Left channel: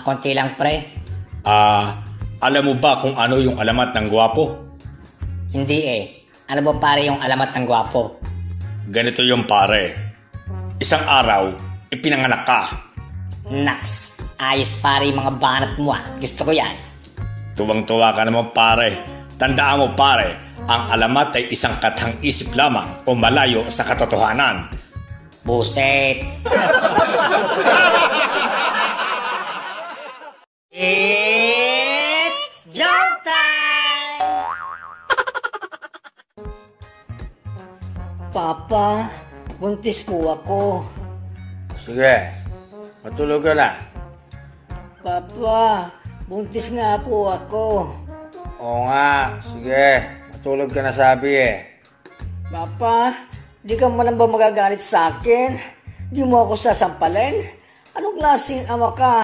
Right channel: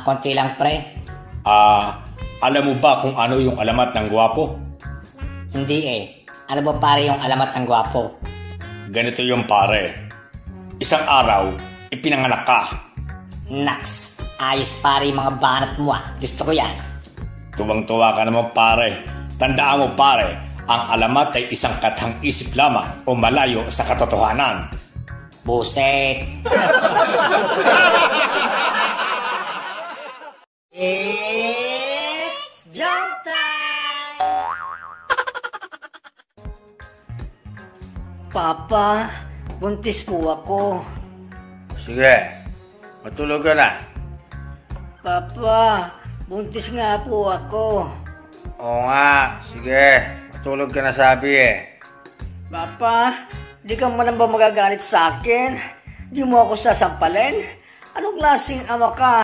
Konti lang pre. Alam mo ba kung ano yung alamat ng gwapo? Hindi eh. Ano ba pare yung alamat ng gwapo? Ganito yung pare. Isang araw, ipinanganak ka. Naks, ayos pare yung mga banat mo Gusto ko yan. Tuwang-tuwa ka naman pare. Tandaan mo pare, ang alamat ay isang katang isip lamang o malayo sa katotohanan. Buset. It's joke time! Papa, buntis po ako. Sige, matulog ka na. Papa, buntis nga po ako. Oo nga, sige, matulog ka na sabi eh. Papa, di ka man ba magagalit sa akin? Di mo ako sasampalin? Anong klaseng ama ka?